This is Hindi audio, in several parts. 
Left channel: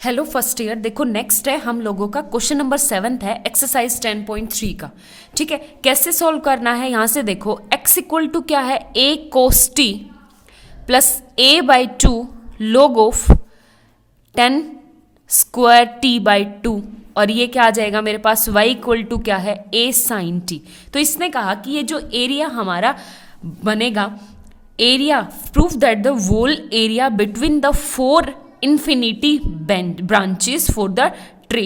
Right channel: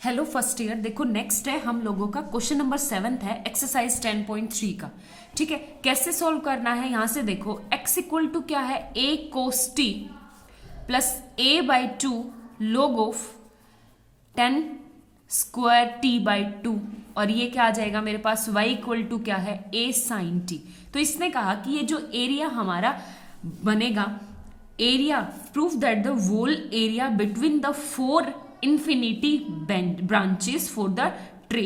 Hello first year. देखो नेक्स्ट है हम लोगों का क्वेश्चन नंबर 7 है एक्सरसाइज 10.3 का। ठीक है, कैसे सॉल्व करना है यहाँ से देखो। x इक्वल टू क्या है, a cos t plus a by 2 log of 10 square t by 2 और ये क्या आ जाएगा मेरे पास y इक्वल टू क्या है, a साइन t। तो इसने कहा कि ये जो एरिया हमारा बनेगा, area proof that the whole area between the four infinity branches for the tree.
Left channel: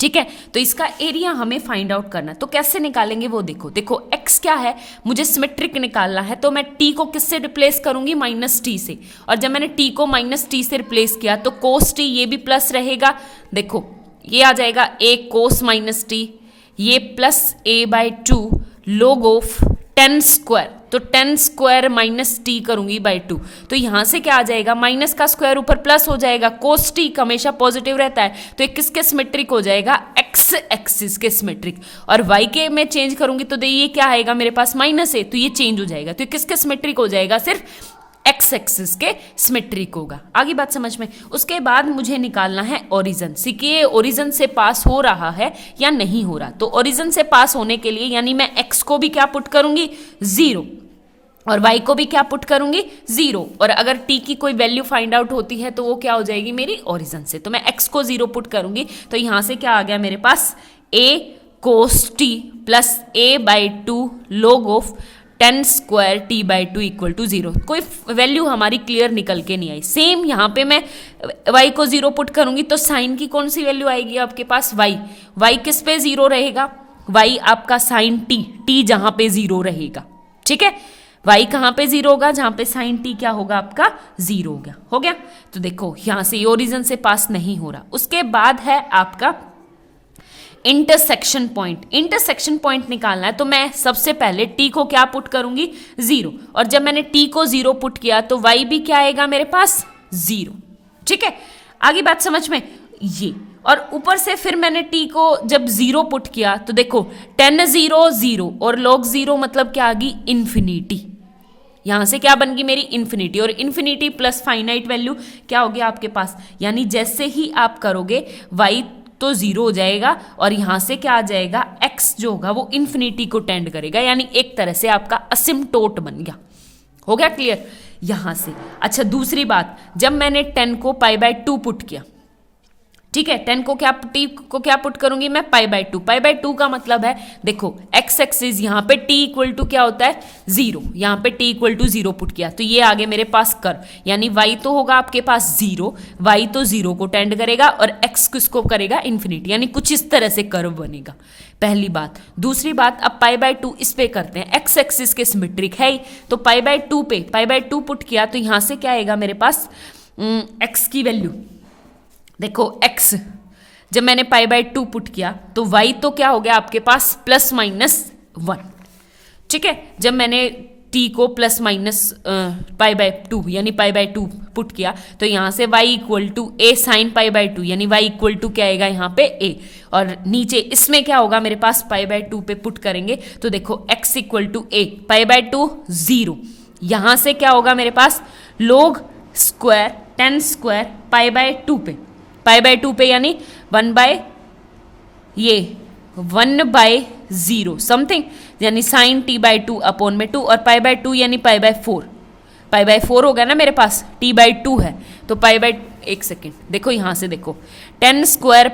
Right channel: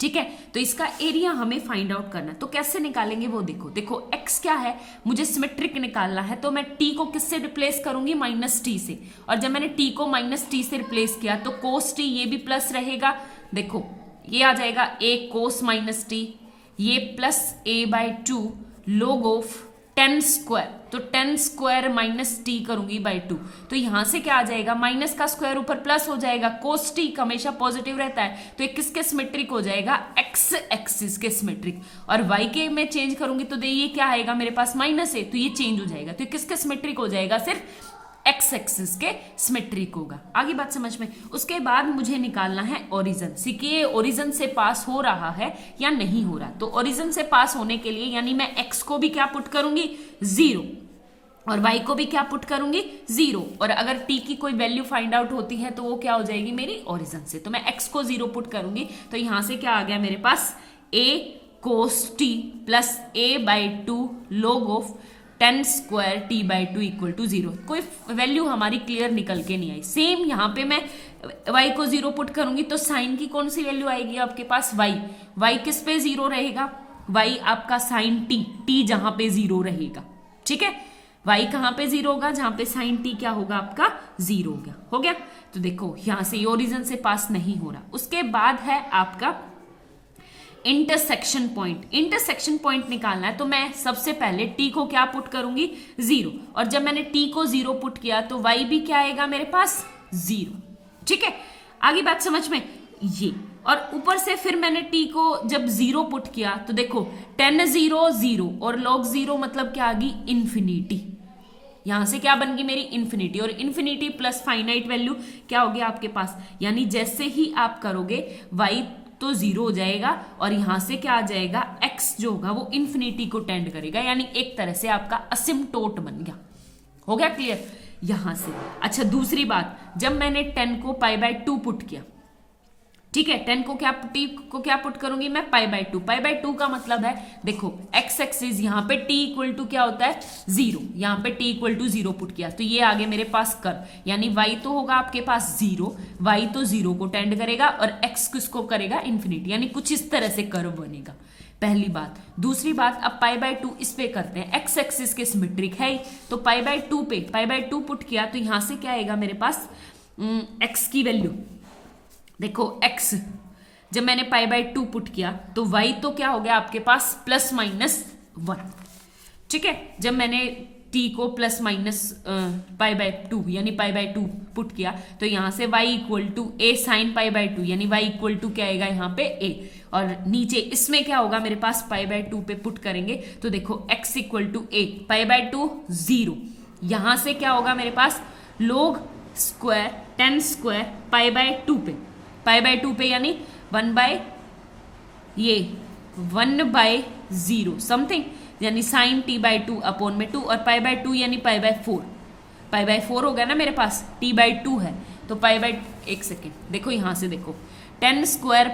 ठीक है, तो इसका एरिया हमें फाइंड आउट करना है। तो कैसे निकालेंगे वो देखो। देखो x क्या है, मुझे सिमेट्रिक निकालना है, तो मैं t को किससे रिप्लेस करूंगी, माइनस टी से। और जब मैंने t को माइनस टी से रिप्लेस किया तो कोस टी, ये भी प्लस रहेगा। देखो ये आ जाएगा a कोस माइनस टी, ये plus a by 2 log of 10 square, तो 10 स्क्वायर माइनस टी करूंगी बाई 2। तो यहां से क्या आ जाएगा, माइनस का स्क्वायर ऊपर प्लस हो जाएगा। कोस टी हमेशा पॉजिटिव रहता है, तो ये किसके सिमेट्रिक हो जाएगा, एक्स एक्सिस के सिमेट्रिक। और वाई के में चेंज करूंगी तो ये क्या आएगा मेरे पास, माइनस है, तो ये चेंज हो जाएगा। तो ये किसके सिमेट्रिक हो जाएगा, सिर्फ एक्स एक्सिस के सिमेट्रिक होगा। आगे बात समझ में। उसके बाद मुझे निकालना है ओरिजिन, कि ये ओरिजिन से पास हो रहा है या नहीं हो रहा। तो ओरिजिन से पास होने के लिए यानी मैं एक्स को भी क्या पुट करूंगी, 0, और y को भी क्या पुट करूंगी, 0। और अगर t की कोई वैल्यू फाइंड आउट होती है तो वो क्या हो जाएगी मेरी, ओरिजिन से। तो मैं x को 0 पुट करूंगी, तो यहां से क्या आ गया मेरे पास, a cos t plus a by 2 log of 10 square t by 2 equal to 0। कोई वैल्यू हमारी क्लियर निकल के नहीं आई। सेम यहाँ पे मैं y को 0 पुट करूंगी तो साइन की कौन सी वैल्यू आएगी आपके पास, y किस पे 0 रहेगा, y आपका साइन t जहां पे 0 रहेगा। ठीक है, y कहाँ पे 0 होगा, जहां पे साइन t क्या होगा आपका, 0 होगा। हो गया। तो देखो यहां से ओरिजिन से पास नहीं हो रहा। उसके बाद है आपका इंटरसेक्शन पॉइंट। इंटरसेक्शन पॉइंट निकालना है, तो मैं सबसे पहले t को क्या पुट करूंगी, 0। और जब मैंने t को 0 पुट किया तो y भी क्या आएगा मेरे पास, 0। ठीक है, आगे बात समझ में। ये और ऊपर से फिर मैंने t को जब 0 पुट किया तो देखो 10 0 0 और log 0 मतलब क्या आ गई, इन्फिनिटी। यहां से क्या बन गई मेरी, इन्फिनिटी। और इन्फिनिटी प्लस फाइनाइट वैल्यू क्या होगी आपके पास, यानी जैसे ही आप करोगे y तो 0 हो जाएगा और यहां से क्या आ जाएगा, x जो होगा वो इन्फिनिटी को टेंड करेगा, यानी एक तरह से आपका असिम्प्टोट बन गया। हो गया क्लियर यहां से। अच्छा दूसरी बात, जब मैंने 10 को पाई बाय 2 पुट किया, ठीक है, 10 को क्या t को क्या पुट करूंगी मैं, पाई बाय 2। पाई बाय 2 का मतलब है देखो x एक्सिस यहाँ पे t इक्वल टू क्या होता है, 0, यहाँ पे t इक्वल टू 0 पुट किया तो ये आगे मेरे पास कर, यानी y तो होगा आपके पास 0, y तो 0 को टेंड करेगा और x किसको करेगा, इन्फिनिटी, यानी कुछ इस तरह से कर्व बनेगा। पहली बात। दूसरी बात, अब पाई बाय 2 इस पे करते हैं, x एक्सिस के सिमेट्रिक है ही, तो पाई बाय 2 पे पाई बाय 2 पुट किया तो यहाँ से क्या आएगा मेरे पास, x की वैल्यू देखो, x जब मैंने पाई बाय 2 पुट किया तो y तो क्या हो गया आपके पास, प्लस माइनस 1। ठीक है, जब मैंने t को प्लस माइनस पाई बाय 2 यानी पाई बाय 2 पुट किया तो यहाँ से y equal to a sine pi by 2, यानी y इक्वल टू क्या आएगा यहाँ पे a। और नीचे इसमें क्या होगा मेरे पास, पाई बाय 2 पे पुट करेंगे तो देखो x equal to a, pi by 2 0, यहाँ से क्या होगा मेरे पास, लोग स्क्वायर 10 स्क्वायर पाई बाय 2 पे, पाई बाय 2 पे यानी 1 बाय 0 समथिंग, यानी साइन t बाय 2 अपॉन में 2, और पाई बाय 2 यानी पाई बाय 4, पाई बाय 4 हो गया ना मेरे पास, t बाय 2 है तो पाई बाय, एक सेकेंड देखो यहाँ से देखो 10 स्क्वायर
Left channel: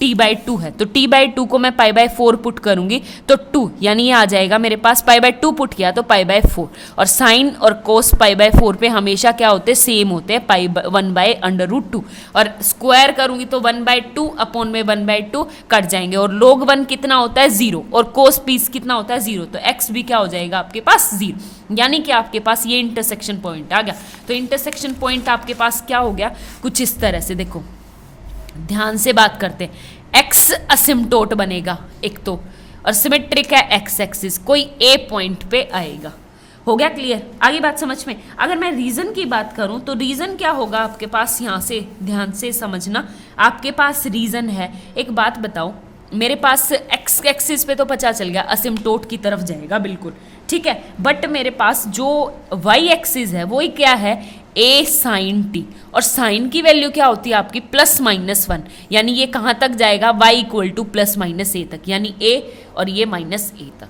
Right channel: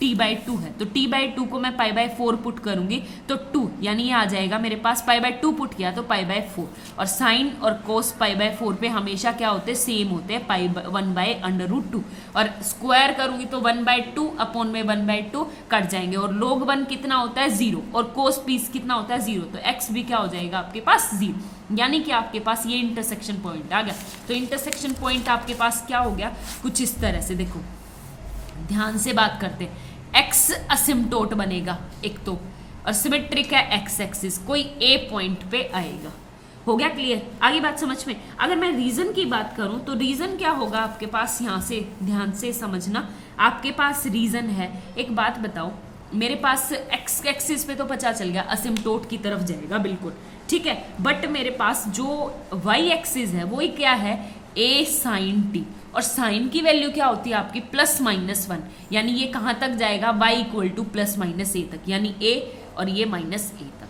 t बाय 2 है तो t बाय 2 को मैं पाई बाय 4 पुट करूंगी तो 2, यानी ये आ जाएगा मेरे पास, पाई बाय 2 पुट किया तो पाई बाय 4। और साइन और कोस पाई बाय 4 पे हमेशा क्या होते हैं, सेम होते हैं, पाई 1 बाय अंडर रूट 2। और स्क्वायर करूंगी तो 1 बाय 2 अपॉन में 1 बाय 2 कट जाएंगे, और log 1 कितना होता है, 0, और कोस पीस कितना होता है, 0, तो x भी क्या हो जाएगा आपके पास, 0, यानी कि आपके पास ये इंटरसेक्शन पॉइंट आ गया। तो इंटरसेक्शन पॉइंट आपके पास क्या हो गया, कुछ इस तरह से। देखो ध्यान से बात करते हैं, x असिम्प्टोट बनेगा एक तो, और सिमेट्रिक है x एक्सिस, कोई a पॉइंट पे आएगा। हो गया क्लियर, आगे बात समझ में। अगर मैं रीजन की बात करूं तो रीजन क्या होगा आपके पास, यहाँ से ध्यान से समझना, आपके पास रीजन है। एक बात बताओ, मेरे पास x एक्सिस पे तो पता चल गया असिम्प्टोट की तरफ जाएगा बिल्कुल, ठीक है, बट मेरे पास जो y एक्सिस है वो क्या है, ए साइन टी, और साइन की वैल्यू क्या होती है आपकी +-1, यानी ये कहाँ तक जाएगा, y इक्वल टू +-a तक, यानी a और ये -a तक।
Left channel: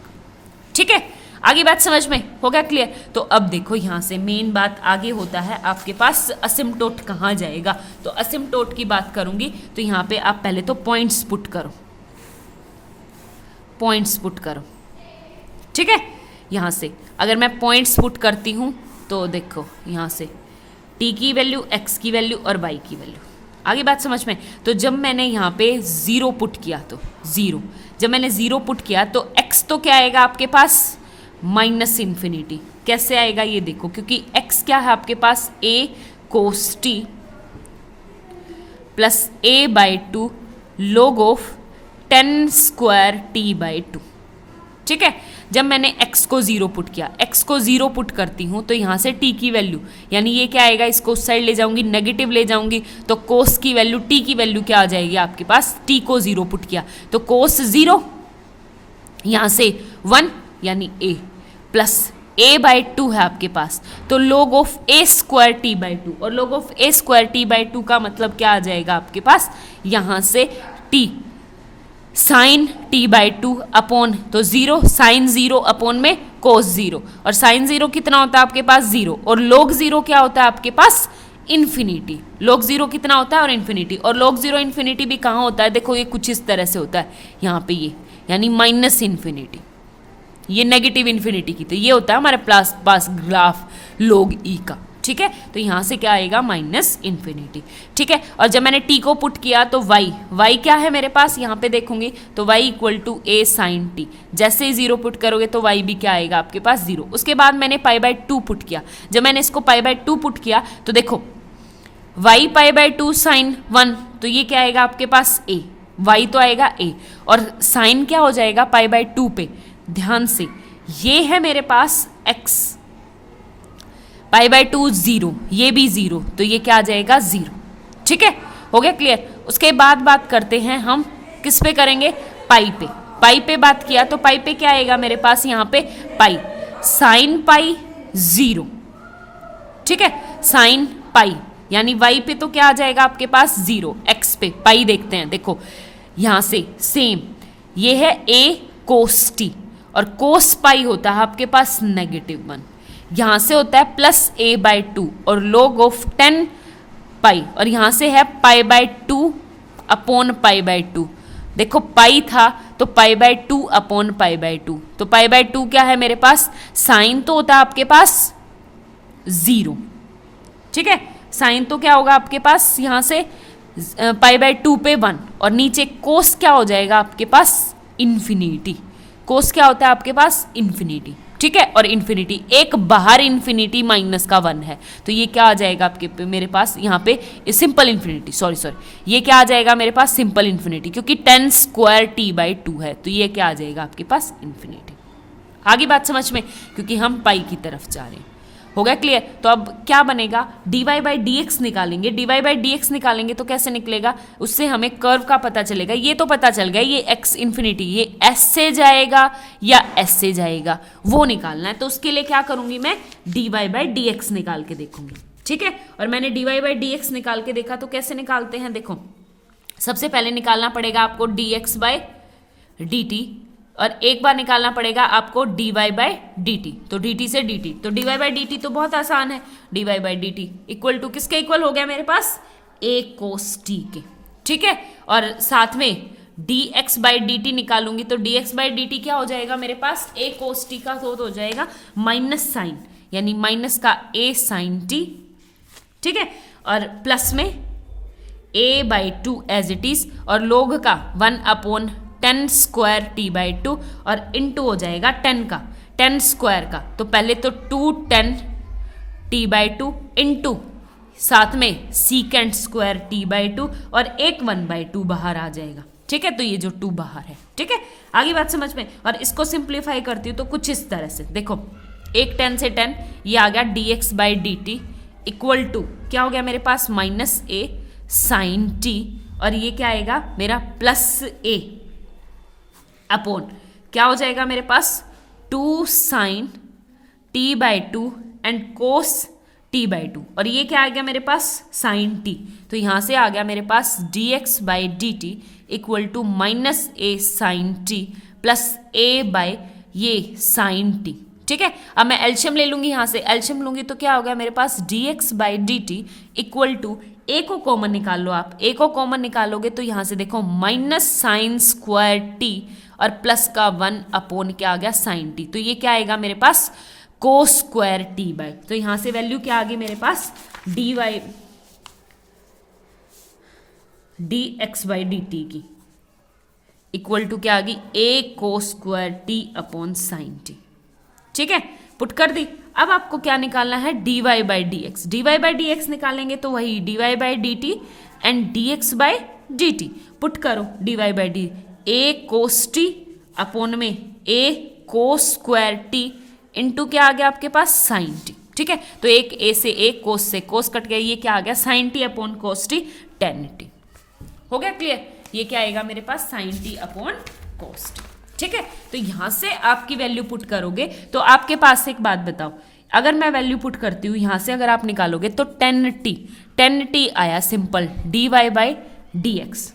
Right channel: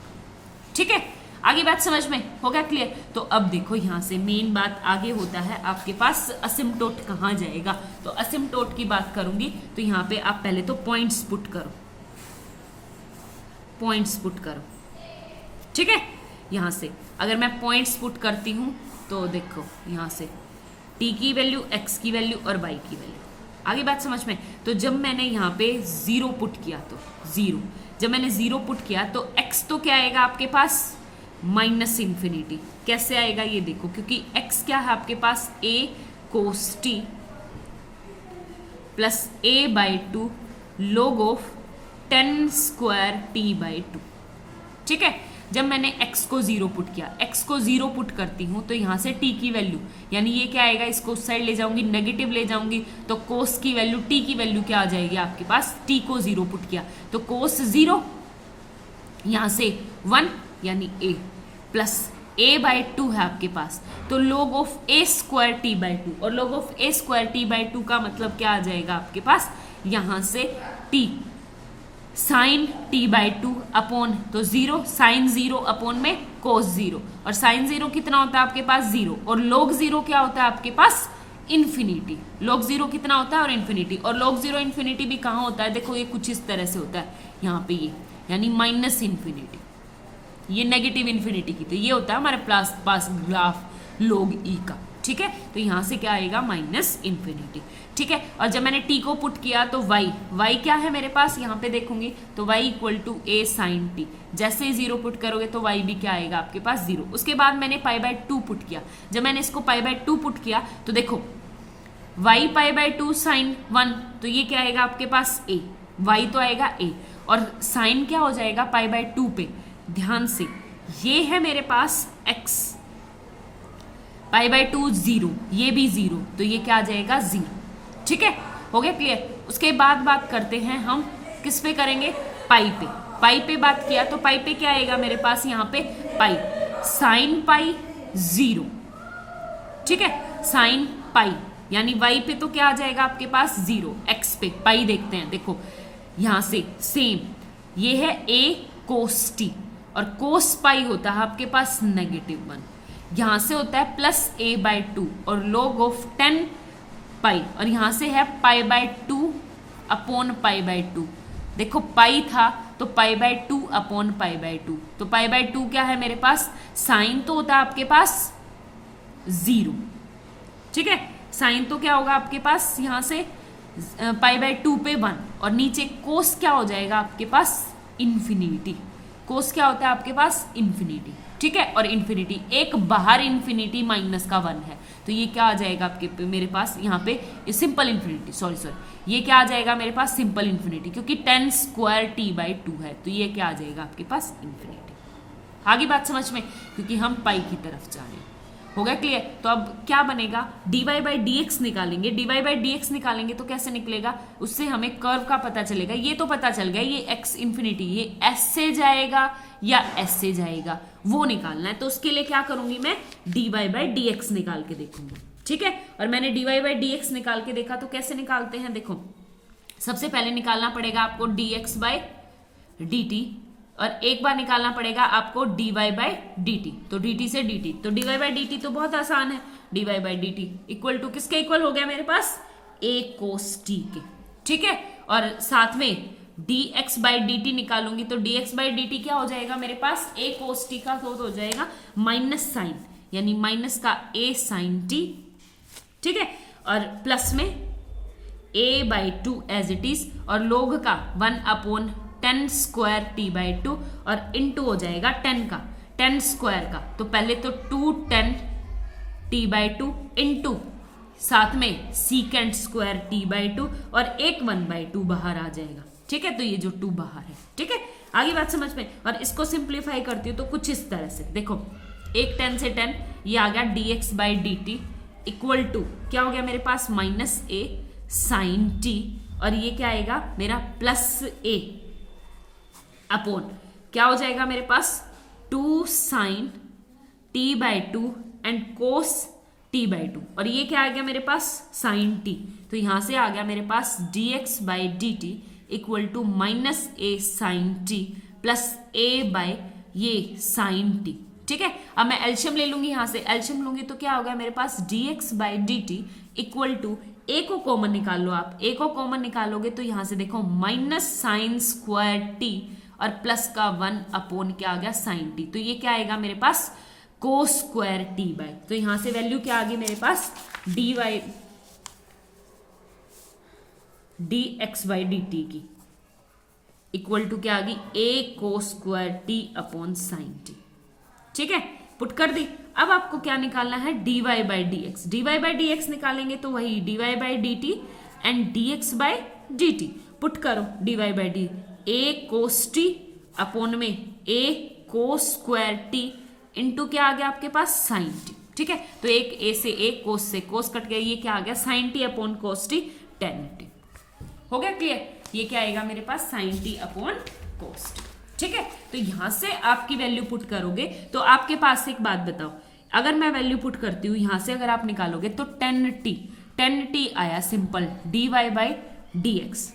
ठीक है, आगे बात समझ में हो गया क्लियर। तो अब देखो यहाँ से मेन बात आगे होता है आपके पास असिम्पटोट कहाँ जाएगा। तो असिम्पटोट की बात करूंगी तो यहाँ पे आप पहले तो पॉइंट्स पुट करो, पॉइंट्स पुट करो। ठीक है, यहाँ से अगर मैं पॉइंट्स पुट करती हूँ तो देखो यहाँ से t की वैल्यू, x की वैल्यू और y की वैल्यू। आगे बात समझ में। तो जब मैंने यहाँ पे 0 पुट किया तो 0, जब मैंने 0 पुट किया तो x तो क्या आएगा आपके पास, -∞। कैसे आएगा ये देखो, क्योंकि x क्या है आपके पास, a cos t plus a/2 log of 10 square t/2। ठीक है, जब मैंने x को 0 पुट किया, x को 0 पुट करती हूँ तो यहाँ से t की वैल्यू, यानी ये क्या आएगा, इसको उस साइड ले जाऊंगी, नेगेटिव ले जाऊंगी तो cos की वैल्यू, t की वैल्यू क्या आ जाएगी आपके पास, t को 0 पुट किया तो cos 0 यहाँ से 1 यानी a प्लस a/2 है आपके पास, तो log of a square t/2, और log of a square t/2 का मतलब क्या आ जाएगा आपके पास, यहाँ से t साइन t/2 अपॉन, तो 0 साइन 0 अपॉन में cos 0, और साइन 0 कितना होता है आपके पास 0, और log 0 क्या होता है आपके पास इन्फिनिटी। log 0 कितना होता है और इन्फिनिटी, और log 0 इन्फिनिटी भी कहाँ होता है, देखो ये कुछ इस तरह से होता है यहाँ पे ये, यानी -∞, ये नेगेटिव इन्फिनिटी की, तो ये होता है हमारे पास ग्राफ log e का। ठीक है, तो यहाँ से क्या आएगा, -∞। ठीक है, और जब मैंने t को पुट किया तो y क्या है मेरे पास, यहाँ पे देखूंगी तो y equal to a sine t, जैसे ही 0 पुट करोगे तो y भी क्या आएगा आपके पास 0। उसके बाद मैंने π/2 पुट किया, जब मैंने इसको π/2 पुट किया तो देखो y π/2 साइन 1, तो ये क्या आएगा आपके पास a, y तो आएगा a, और साइन क्या हो जाएगा π/2 पे, ध्यान से ये है मेरे पास x, π/2 0, ये भी 0, तो ये क्या आ जाएगा 0। ठीक है, हो गया क्लियर। उसके बाद बात करते हैं हम किस पे करेंगे, पाई पे। पाई पे बात किया तो पाई पे क्या आएगा मेरे पास, यहाँ पे पाई साइन पाई 0। ठीक है, साइन पाई यानी y पे तो क्या आ जाएगा आपके पास 0, x पे पाई देखते हैं, देखो यहाँ से सेम, ये है a cos t, और cos पाई होता है आपके पास -1, यहाँ से होता है +a/2 और log ऑफ 10 पाई, और यहाँ से है π/2 अपॉन π/2। देखो पाई था तो π/2 अपॉन π/2, तो π/2 क्या है मेरे पास, साइन तो होता है आपके पास 0। ठीक है, साइन तो क्या होगा आपके पास, यहाँ से π/2 पे 1, और नीचे कोस क्या हो जाएगा आपके पास इन्फिनिटी। कोस क्या होता है आपके पास इन्फिनिटी। ठीक है, और इन्फिनिटी एक बाहर इन्फिनिटी -1 है, तो ये क्या आ जाएगा आपके मेरे पास यहाँ पे सिंपल इन्फिनिटी, सॉरी ये क्या आ जाएगा मेरे पास सिंपल इन्फिनिटी, क्योंकि 10 स्क्वायर t/2 है, तो ये क्या आ जाएगा आपके पास इन्फिनिटी। आगे बात समझ में, क्योंकि हम पाई की तरफ जा रहे हैं। हो गया क्लियर। तो अब क्या बनेगा, dy/dx निकालेंगे। dy/dx निकालेंगे तो कैसे निकलेगा, उससे हमें कर्व का पता चलेगा। ये तो पता चल गया ये x इन्फिनिटी ये s से जाएगा या s से जाएगा, वो निकालना है। तो उसके लिए क्या करूंगी मैं, dy/dx निकाल के देखूंगी। ठीक है, और मैंने dy/dx निकाल के देखा तो कैसे निकालते हैं, देखो सबसे पहले निकालना पड़ेगा आपको dx/dt, और एक बार निकालना पड़ेगा आपको dy/dt। तो dt से dt, तो dy/dt तो बहुत आसान है, dy/dt इक्वल टू किसके इक्वल हो गया मेरे पास, a cos t के। ठीक है, और साथ में dx/dt निकालूंगी तो dx/dt क्या हो जाएगा मेरे पास, a cos t का तो हो जाएगा माइनस साइन, यानी माइनस का a sin t। ठीक है, और प्लस में a/2 एज इट इज, और log का 1/10 स्क्वायर t/2, और इनटू हो जाएगा 10 का 10 स्क्वायर का, तो पहले तो 210 t/2 इनटू साथ में सीकेंड स्क्वायर t/2, और एक 1/2 बाहर आ जाएगा। ठीक है, तो ये जो 2 बाहर है। ठीक है, आगे बात समझ में। और इसको सिंप्लीफाई करती हूँ तो कुछ इस तरह से, देखो एक 10 से 10 ये आ गया dx/dt इक्वल टू क्या हो गया मेरे पास, -a sin t, और ये क्या आएगा मेरा +a अपॉन क्या हो जाएगा मेरे पास 2 sin t/2 and cos T by two, और ये क्या आ गया मेरे पास साइन टी, तो यहाँ से आ गया मेरे पास D x by D T equal to minus A sine T plus A by ये साइन टी। ठीक है, अब मैं एल्शियम ले लूंगी, यहाँ से एल्शियम लूंगी तो क्या होगा मेरे पास D x by D T equal to A को कॉमन निकाल लो आप, ए को कॉमन निकालोगे तो यहाँ से देखो माइनस साइन स्क्वायर टी और प्लस का 1 अपॉन क्या आ गया साइन टी, तो ये क्या आएगा मेरे पास कोस स्क्वायर टी बाई, तो यहाँ से वैल्यू क्या आ गई मेरे पास d y d x by D t की इक्वल टू क्या आ गई a cos square t upon sine T. ठीक है, पुट कर दी। अब आपको क्या निकालना है d y by d x, d y by d x निकालेंगे तो वही d y by D t and d x by D t, put करो d y by d a cos t upon में a cos square t into क्या आ गया आपके पास साइन टी। ठीक है, तो एक ए से ए कोस से कोस कट गया, ये क्या आ गया sine t upon cos t tan t. हो गया क्लियर, ये क्या आएगा मेरे पास sine t upon cos t. ठीक है, तो यहां से आपकी वैल्यू पुट करोगे तो आपके पास एक बात बताओ, अगर मैं वैल्यू पुट करती हूँ यहां से अगर आप निकालोगे तो टेन टी आया simple d y by d x.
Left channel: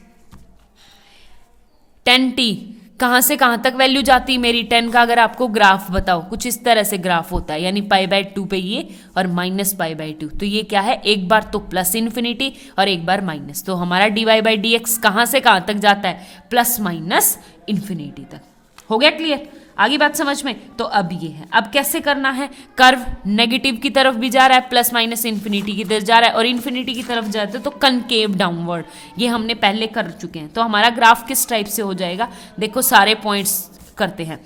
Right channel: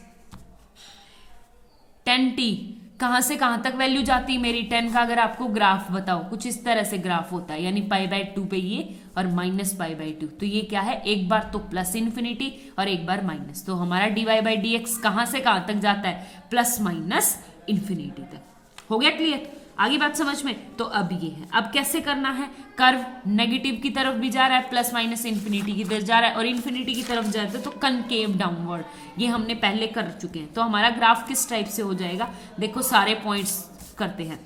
Tan t कहां से कहां तक वैल्यू जाती है मेरी 10 का, अगर आपको ग्राफ बताओ कुछ इस तरह से ग्राफ होता है, यानी पाई बाई 2 पे ये और माइनस पाई बाई 2, तो ये क्या है एक बार तो प्लस इन्फिनिटी और एक बार माइनस, तो हमारा d y by d x कहां से कहां तक जाता है प्लस माइनस इन्फिनिटी तक। हो गया क्लियर, आगे बात समझ में। तो अब ये है, अब कैसे करना है, कर्व नेगेटिव की तरफ भी जा रहा है प्लस माइनस इन्फिनिटी की तरफ जा रहा है और इन्फिनिटी की तरफ जाते तो कनकेव डाउनवर्ड, ये हमने पहले कर चुके हैं। तो हमारा ग्राफ किस टाइप से हो जाएगा, देखो सारे पॉइंट्स करते हैं,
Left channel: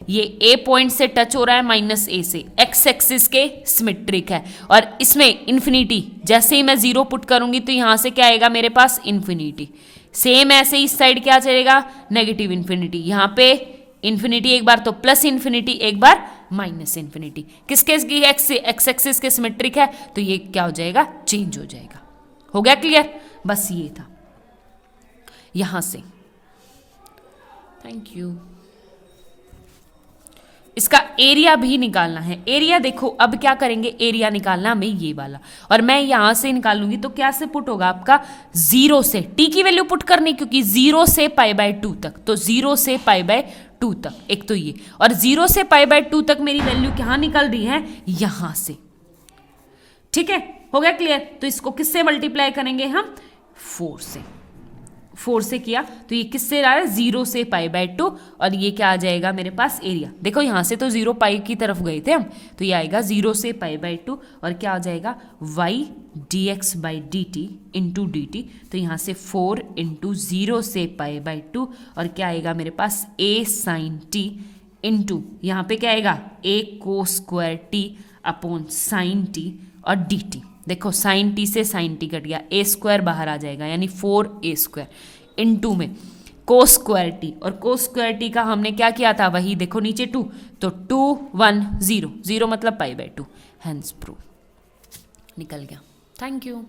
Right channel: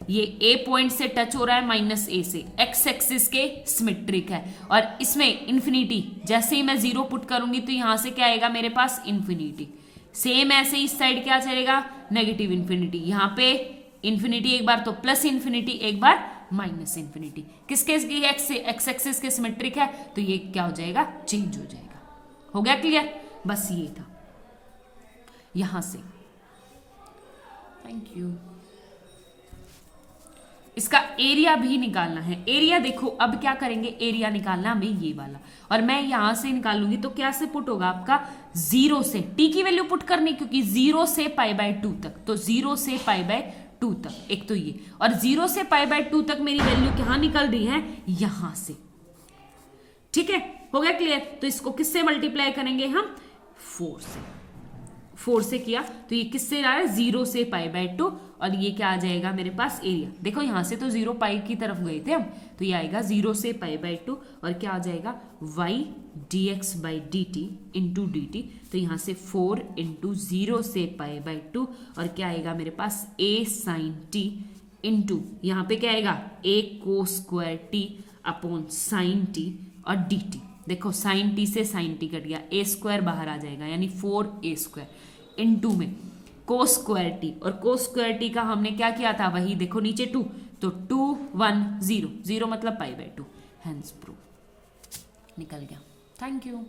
ये ए पॉइंट से टच हो रहा है माइनस ए से, एक्स एक्सिस के सिमेट्रिक है और इसमें इन्फिनिटी जैसे ही मैं जीरो पुट करूंगी तो यहां से क्या आएगा मेरे पास इन्फिनिटी, सेम ऐसे इस साइड क्या चलेगा नेगेटिव इन्फिनिटी, यहाँ पे इन्फिनिटी एक बार तो प्लस इन्फिनिटी एक बार माइनस इन्फिनिटी, किसके एक्स एक्सिस के सिमेट्रिक है तो ये क्या हो जाएगा चेंज हो जाएगा। हो गया क्लियर, बस ये था यहां से। Thank you. इसका एरिया भी निकालना है, एरिया देखो अब क्या करेंगे, एरिया निकालना हमें ये वाला, और मैं यहां से निकालूंगी तो क्या से पुट होगा आपका जीरो से, टी की वैल्यू पुट करनी क्योंकि जीरो से पाई बाय 2 तक, तो जीरो से पाई बाय 2 तक एक तो ये, और जीरो से पाई बाय 2 तक मेरी वैल्यू कहां निकल रही है यहां से। ठीक है, हो गया क्लियर। तो इसको किससे मल्टीप्लाई करेंगे हम 4 से किया तो ये किससे आ रहा है जीरो से पाई बाय 2, और ये क्या आ जाएगा मेरे पास एरिया, देखो यहां से तो जीरो पाई की तरफ गए थे हम, तो ये आएगा जीरो से पाई बाय 2 और क्या आ जाएगा y d x by D t into d t, तो यहाँ से 4 इंटू जीरो से पाई बाय 2 और क्या आएगा मेरे पास ए साइन टी इंटू यहाँ पे क्या आएगा ए को square t upon sine T और डी टी, देखो साइन टी से साइन टी कट गया, ए स्क्वायर बाहर आ जाएगा यानी 4a स्क्वायर इंटू में कोस स्क्वायर टी, और कोस स्क्वायर टी का हमने क्या किया था वही देखो नीचे 2, तो 2 1 0 0 मतलब पाई बाय 2, हैंस प्रूफ निकल गया। Thank you.